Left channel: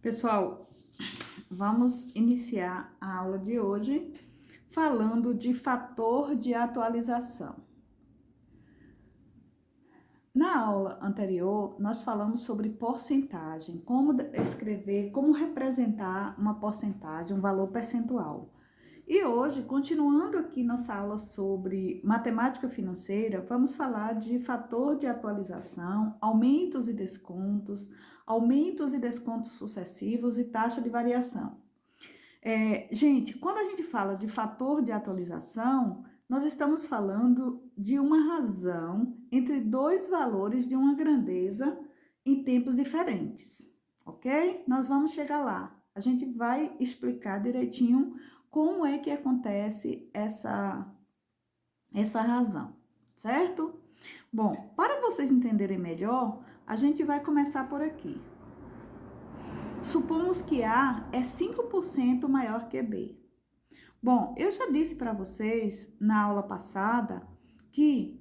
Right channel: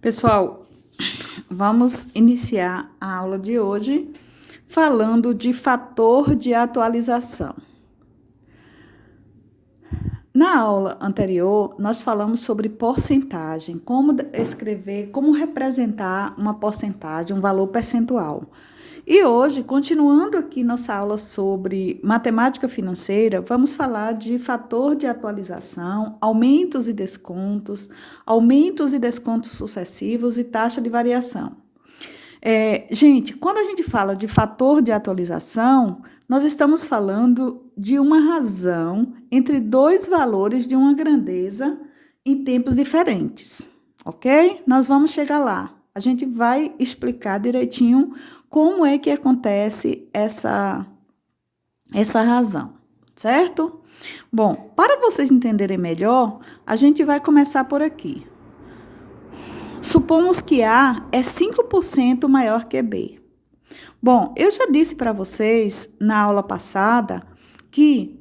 Pessoal, vamos iniciar a aula de hoje falando de fator de atualização. Na aula anterior, nós falamos sobre porcentagem, como escrever, como representar uma porcentagem, um valor percentual. E hoje, continuando aqui nossa aula sobre matemática financeira, vamos falar de fator de atualização, aumentos e descontos sucessivos e taxa de variação. Gente, quando a gente fala de fator de atualização, nós estamos falando de uma razão entre dois valores de uma grandeza em tempos diferentes, ok? Nós vamos chegar lá. A gente vai explicar direitinho como é que acontece essa razão, certo? Bom, para vocês entenderem melhor, a gente vai começar por aqui. Supomos que A é 5% maior que B. Bom, eu já disse para vocês na aula passada que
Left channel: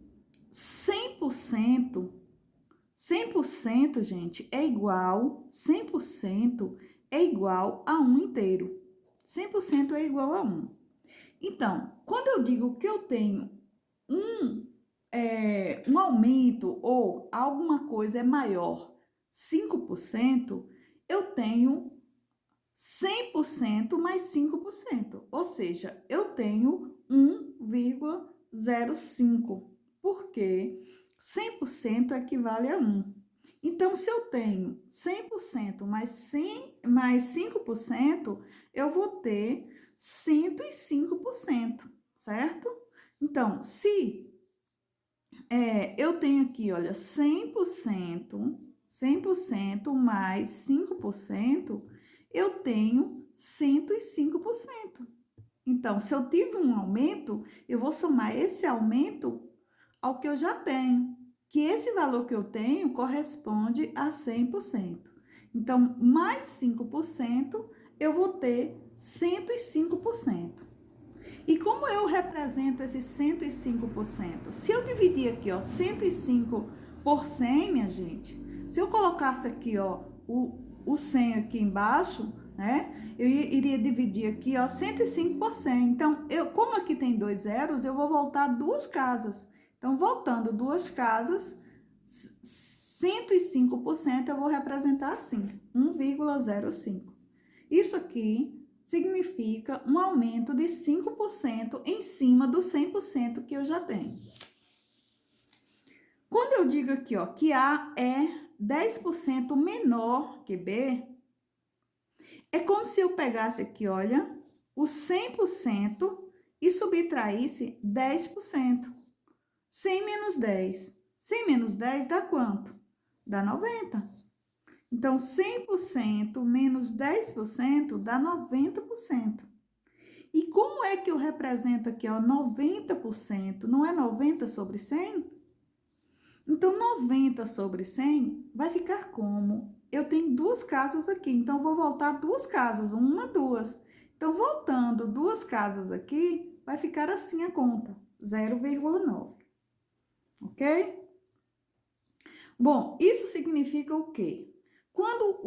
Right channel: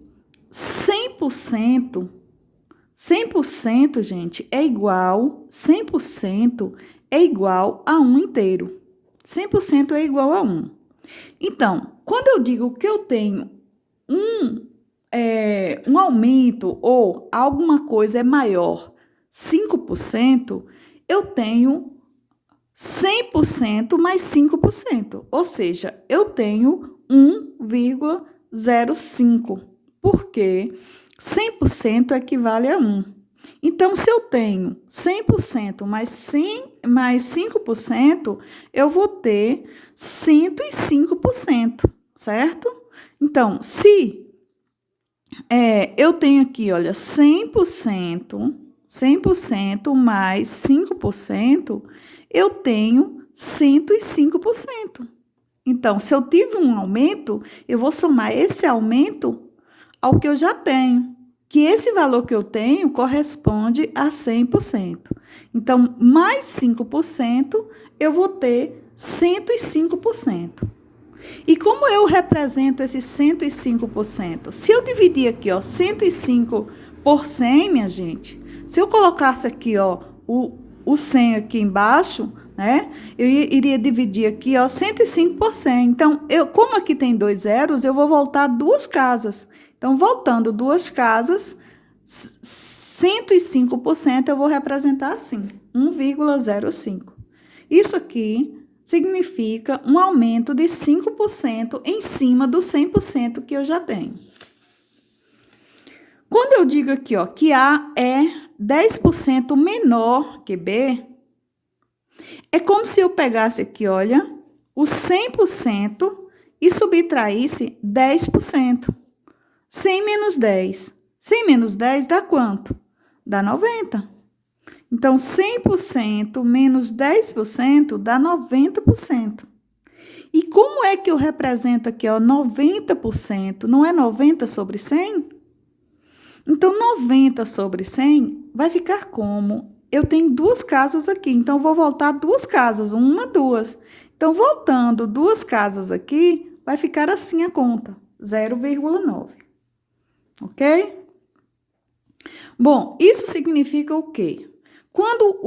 100%, gente, é igual, 100% é igual a 1 inteiro. 100% é igual a 1. Então, quando eu digo que eu tenho um aumento ou alguma coisa é maior 5%, eu tenho 100% mais 5%, ou seja, eu tenho 1,05, porque 100% equivale a 1. Então, se eu tenho 100% mais 5%, eu vou ter 105%, certo? Então, se eu tenho aqui, olha, 100% mais 5%, eu tenho 105%. Então, se eu tive um aumento, eu vou somar esse aumento ao que eu já tenho, que esse valor que eu tenho corresponde a 100%. Então, mais 5%, eu vou ter 105%. E como eu represento esse 105%? Se eu dividir aqui, ó, 105 por 100, minha gente, se eu colocasse aqui, ó, o 100 aqui embaixo, né, eu iria dividir aqui, ó, 105 por 100. Então, como aqui tem 2 zeros, eu vou voltar 2 casas. Então, voltando 2 casas, 105% eu vou representar assim, 1,05. Isso aqui significa um aumento de 5% em cima do 100% que eu já tenho. Quando eu digo aqui, ó, que A é 10% menor que B, é como se eu pegasse aqui, olha, o 100% e subtraísse 10%. 100 menos 10. 100 menos 10 dá quanto? Dá 90. Então, 100% menos 10% dá 90%. E como é que eu represento aqui, ó, 90%? Não é 90 sobre 100? Então, 90 sobre 100 vai ficar como? Eu tenho 2 casas aqui, então vou voltar 2 casas, 1, 2. Então, voltando 2 casas aqui, vai ficar assim a conta, 0,9. Ok? Bom, isso significa o quê? Quando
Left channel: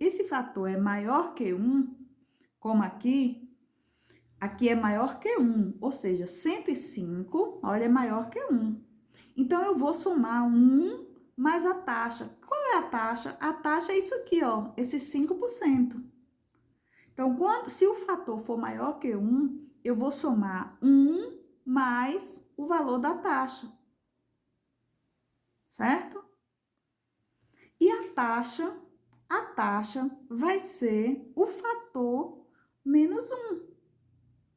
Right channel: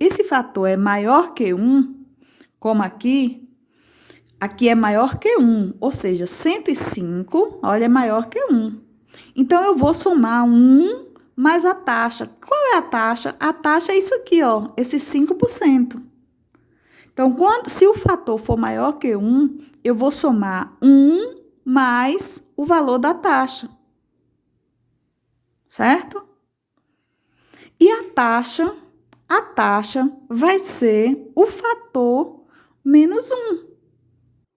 esse fator é maior que 1, como aqui é maior que 1, ou seja, 105, olha, é maior que 1. Então, eu vou somar 1 mais a taxa. Qual é a taxa? A taxa é isso aqui, ó, esse 5%. Então, se o fator for maior que 1, eu vou somar 1 mais o valor da taxa. Certo? E a taxa vai ser o fator menos 1.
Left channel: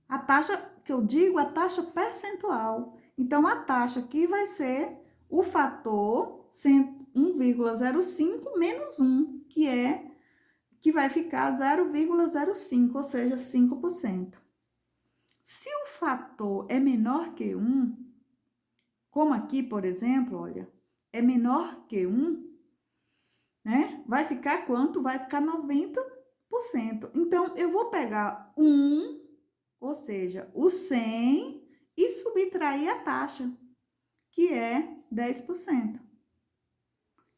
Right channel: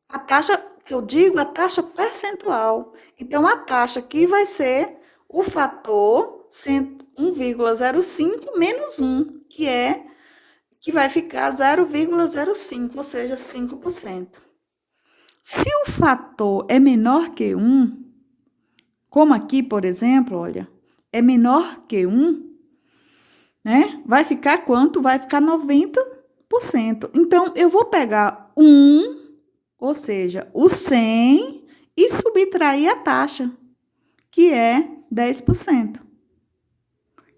A taxa que eu digo, a taxa percentual. Então, a taxa aqui vai ser o fator 1,05 menos 1, que vai ficar 0,05, ou seja, 5%. Se o fator é menor que 1, como aqui, por exemplo, olha, é menor que 1, né? Vai ficar quanto? Vai ficar 90%. Então, eu vou pegar 1, ou seja, o 100, e subtrair a taxa, que é 10%.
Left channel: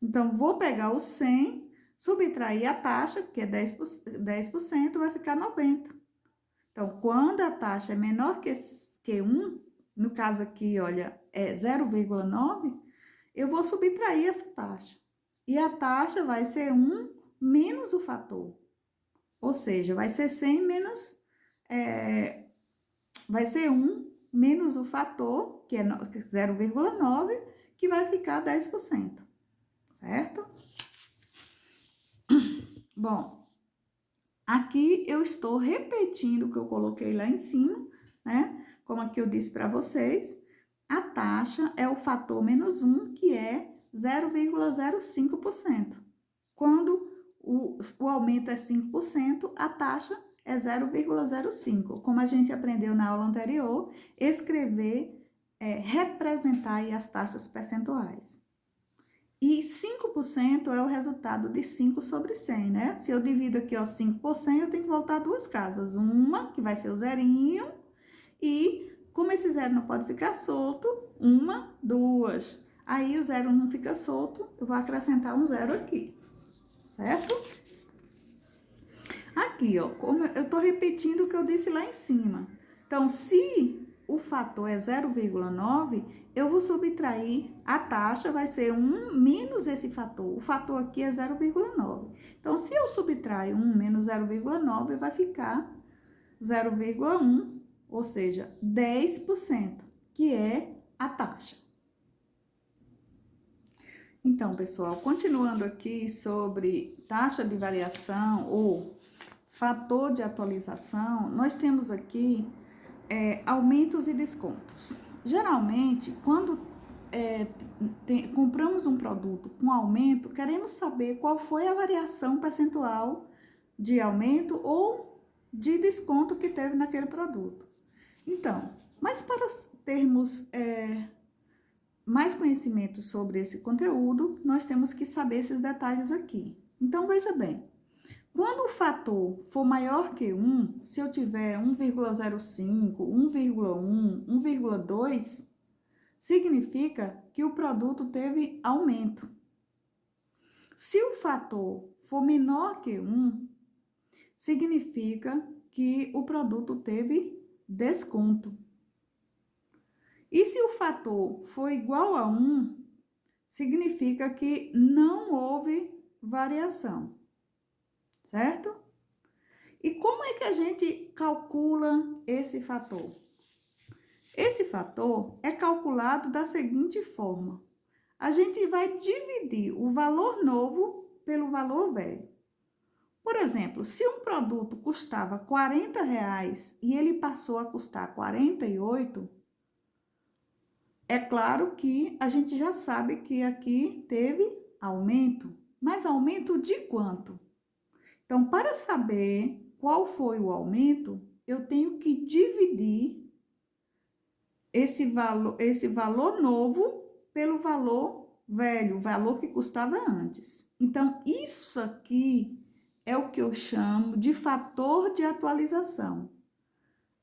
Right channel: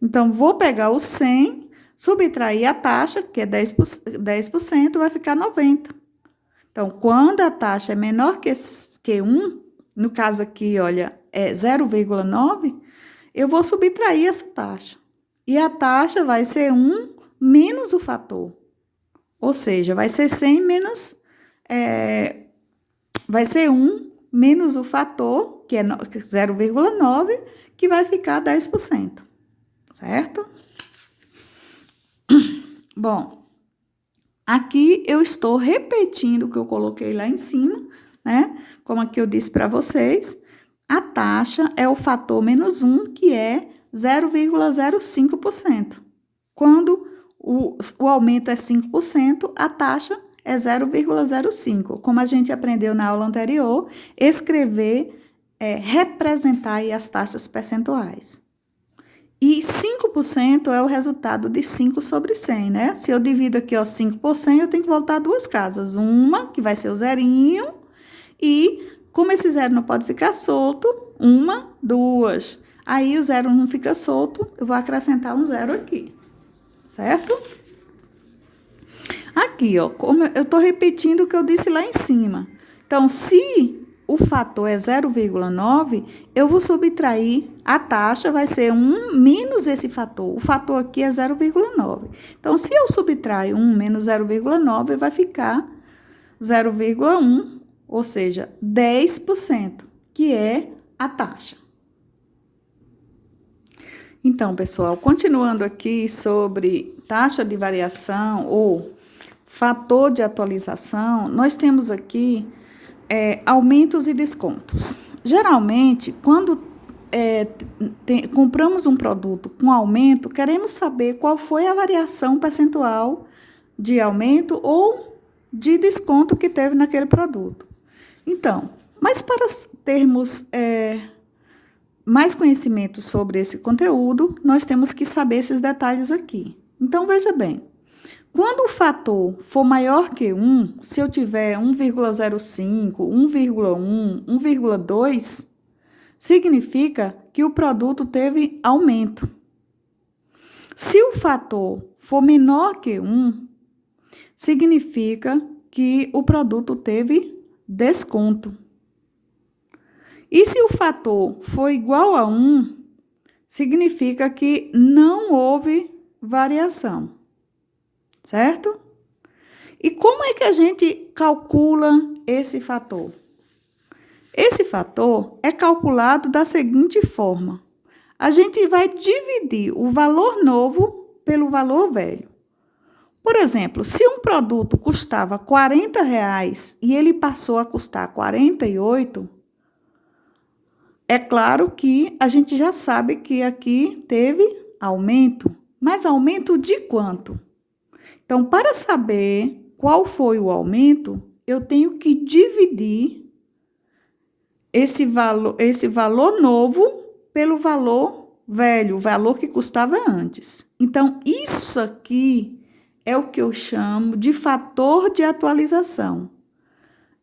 Então, vou pegar o 100 Subtrair a taxa, que é 10%, vai ficar 90. Então, quando a taxa é menor que 1, no caso aqui, olha, é 0,9, eu vou subtrair essa taxa. E a taxa vai ser 1 menos o fator. Ou seja, vai ser 100 menos... vai ser 1 menos o fator, que é 0,9, que vai ficar 10%. Certo? Bom, aqui eu estou repetindo o que eu coloquei lá em cima, né? Como aqui eu disse para vocês, a taxa é o fator menos 1, que é 0,05%. Quando o aumento é 5%, a taxa é 0,05%. Como a gente aprendeu na aula anterior, escrever, representar aí as taxas percentuais. E 5% é o resultado de 5 sobre 100, né? Se eu divido aqui, ó, 5 por 100, eu tenho que voltar 2 casas. Uma, que vai ser o zerinho, e como esse zero não pode ficar solto, 1, 2. Aí o zero não fica solto, eu vou acrescentar um zero aqui, certo? Aqui, ó, como eu estou repetindo o que eu disse lá em cima. Então, se o fator é 0,9, eu vou subtrair, a taxa vai ser 1 menos esse fator. O fator aqui é 0,9. Então, se eu subtraio 1 menos 0,9, vai ficar 0,1, ou seja, 10%, que é a taxa. Então, pessoal, continuando aqui sobre taxa de variação ou fator de atualização, nós temos aqui aumentos e descontos. Geralmente, quando compramos um produto com aumento, queremos saber qual foi a variação percentual de aumento ou de desconto que teve naquele produto. Então, mas para termos mais conhecimento sobre esse conteúdo, nós temos que saber esses detalhes aqui. Então, veja bem. Quando o fator for maior que 1, se eu tiver 1,05, 1,1, 1,2, significa que o produto teve aumento. Se o fator for menor que 1, significa que o produto teve desconto. E se o fator for igual a 1, significa que não houve variação. Certo? E como é que a gente calcula esse fator? Esse fator é calculado da seguinte forma. A gente vai dividir o valor novo pelo valor velho. Por exemplo, se um produto custava R$40 e ele passou a custar 48, é claro que a gente já sabe que aqui teve aumento. Mas aumento de quanto? Então, para saber qual foi o aumento, eu tenho que dividir esse valor novo pelo valor velho, o valor que custava antes. Então, isso aqui é o que eu chamo de fator de atualização.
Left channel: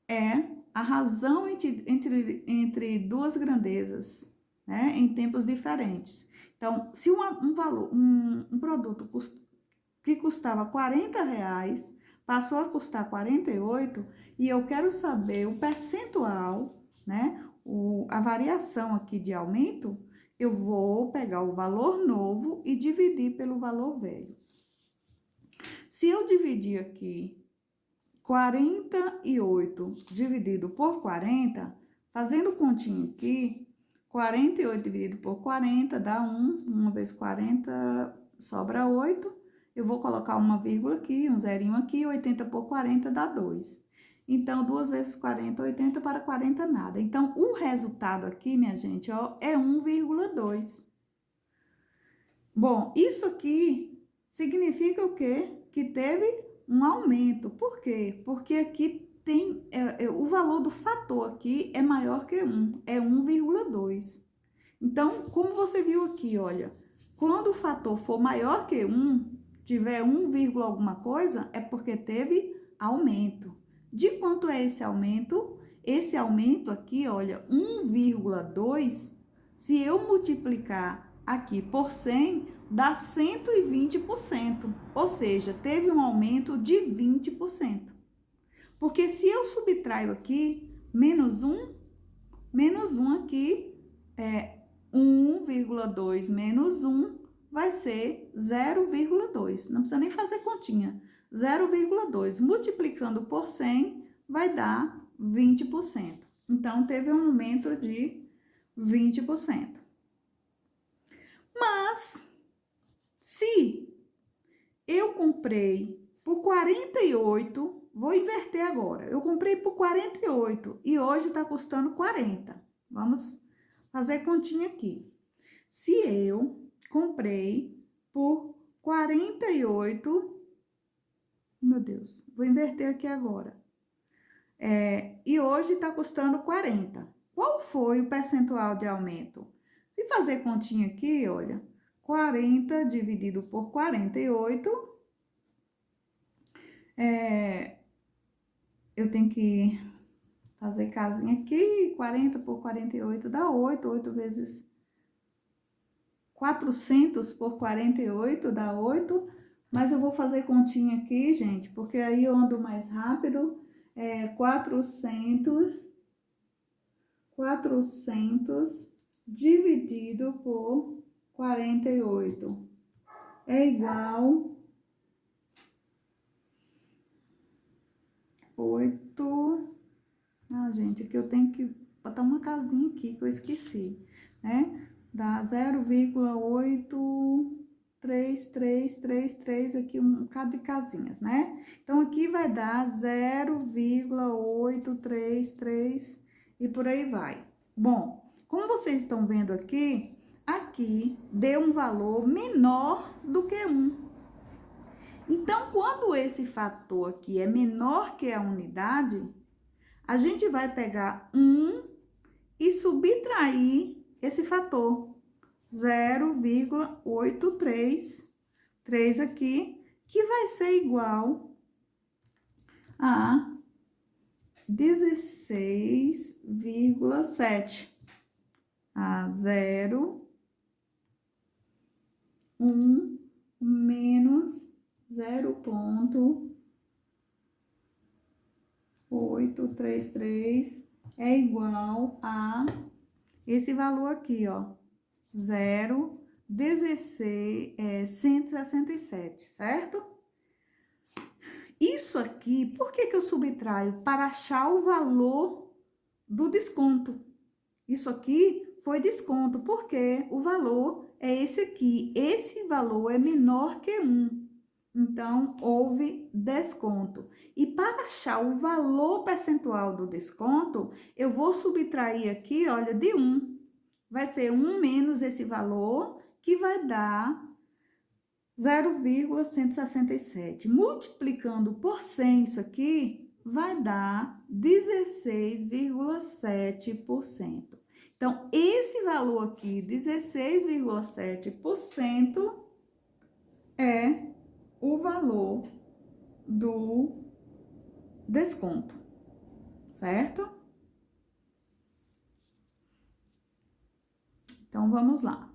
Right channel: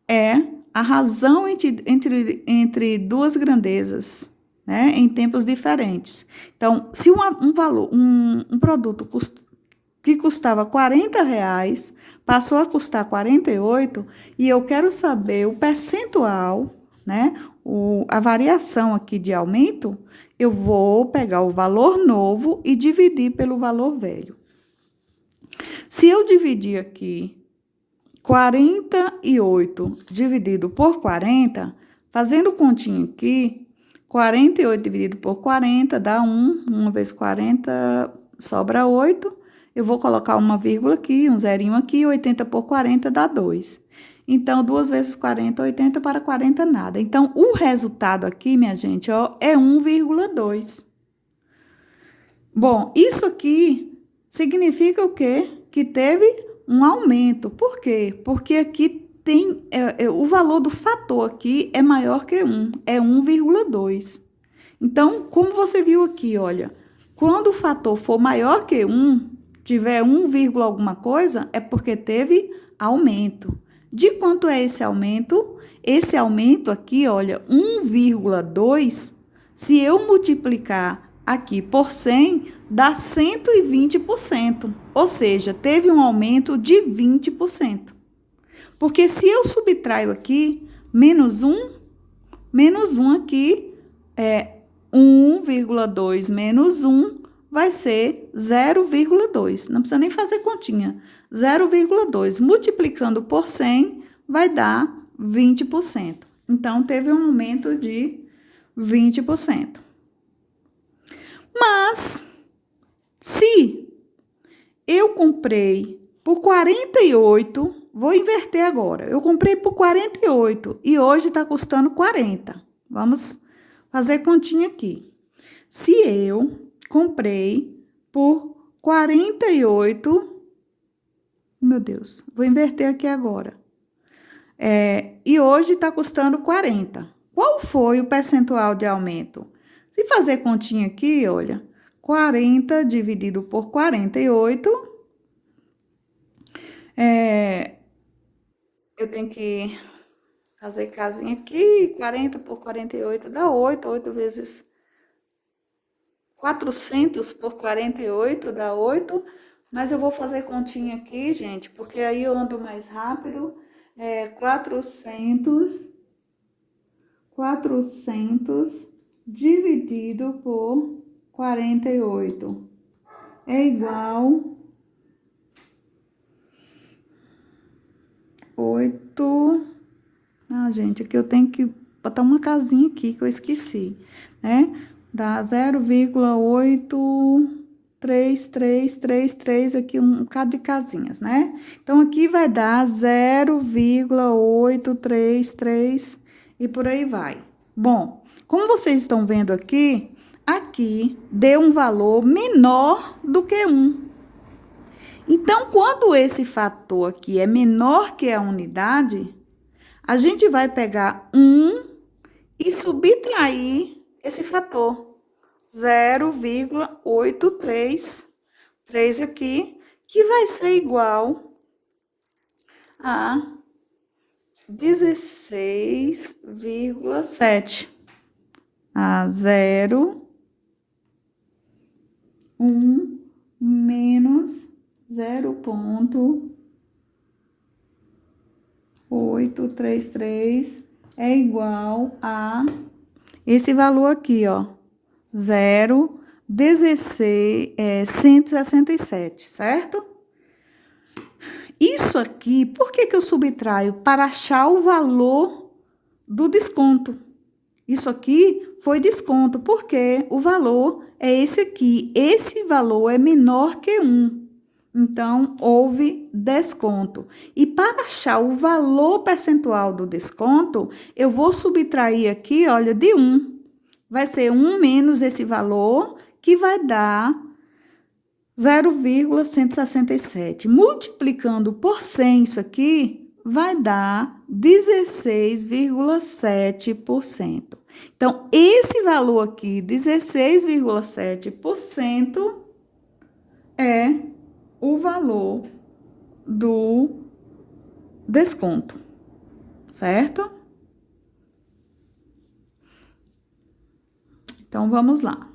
É a razão entre duas grandezas, né, em tempos diferentes. Então, se um produto que custava R$40, passou a custar 48, e eu quero saber o percentual, né? A variação aqui de aumento, eu vou pegar o valor novo e dividir pelo valor velho. Se eu dividir aqui 48 dividido por 40, fazendo continho aqui, 48 dividido por 40 dá 1, 1 vezes 40 sobra 8, eu vou colocar uma vírgula aqui, um zerinho aqui, 80 por 40 dá 2. Então, 2 vezes 40, 80 para 40 nada. Então, o resultado aqui, minha gente, ó, é 1,2. Bom, isso aqui significa o quê? Que teve um aumento. Por quê? Porque aqui tem, o valor do fator aqui é maior que 1, é 1,2. Então, como você viu aqui, olha, quando o fator for maior que 1, tiver 1, alguma coisa, é porque teve aumento. De quanto é esse aumento? Esse aumento aqui, olha, 1,2, se eu multiplicar aqui por 100, dá 120%. Ou seja, teve um aumento de 20%. Porque se eu subtraio aqui menos 1 aqui é 1,2 menos 1 vai ser 0,2. Não precisa nem fazer continha. 0,2 multiplicando por 100 vai dar 20%. Então, teve um aumento de 20%. Mas, se eu comprei por 48, vou inverter agora. Eu comprei por 48 e hoje está custando 40. Vamos fazer continha aqui. Se eu comprei por 48, meu Deus, vou inverter aqui agora. E hoje está custando 40. Qual foi o percentual de aumento? Se fazer continha aqui, olha, 40 dividido por 48, eu tenho que fazer casinha aqui, 40 por 48 dá 8, 8 vezes 400 por 48 dá 8, mas eu vou fazer continha aqui, gente, porque aí eu ando mais rápido. 400 dividido por 48 é igual 8. Gente, aqui eu tenho que botar uma casinha aqui que eu esqueci, né? Dá 0,8333 aqui, um bocado de casinhas, né? Então, aqui vai dar 0,833 e por aí vai. Bom, como vocês estão vendo aqui deu um valor menor do que 1. Então, quando esse fator aqui é menor que a unidade, a gente vai pegar 1 e subtrair esse fator. 0,833 aqui, que vai ser igual a 16,7. A 0,1 menos 0,833 é igual a esse valor aqui, ó, 167, certo? Isso aqui, por que eu subtraio? Para achar o valor do desconto. Isso aqui foi desconto, porque o valor é esse aqui. Esse valor é menor que 1. Então, houve desconto. E para achar o valor percentual do desconto, eu vou subtrair aqui, olha, de 1. Vai ser 1 menos esse valor, que vai dar 0,167. Multiplicando por 100 isso aqui, vai dar 16,7%. Então, esse valor aqui, 16,7%, é o valor do desconto, certo? Então, vamos lá.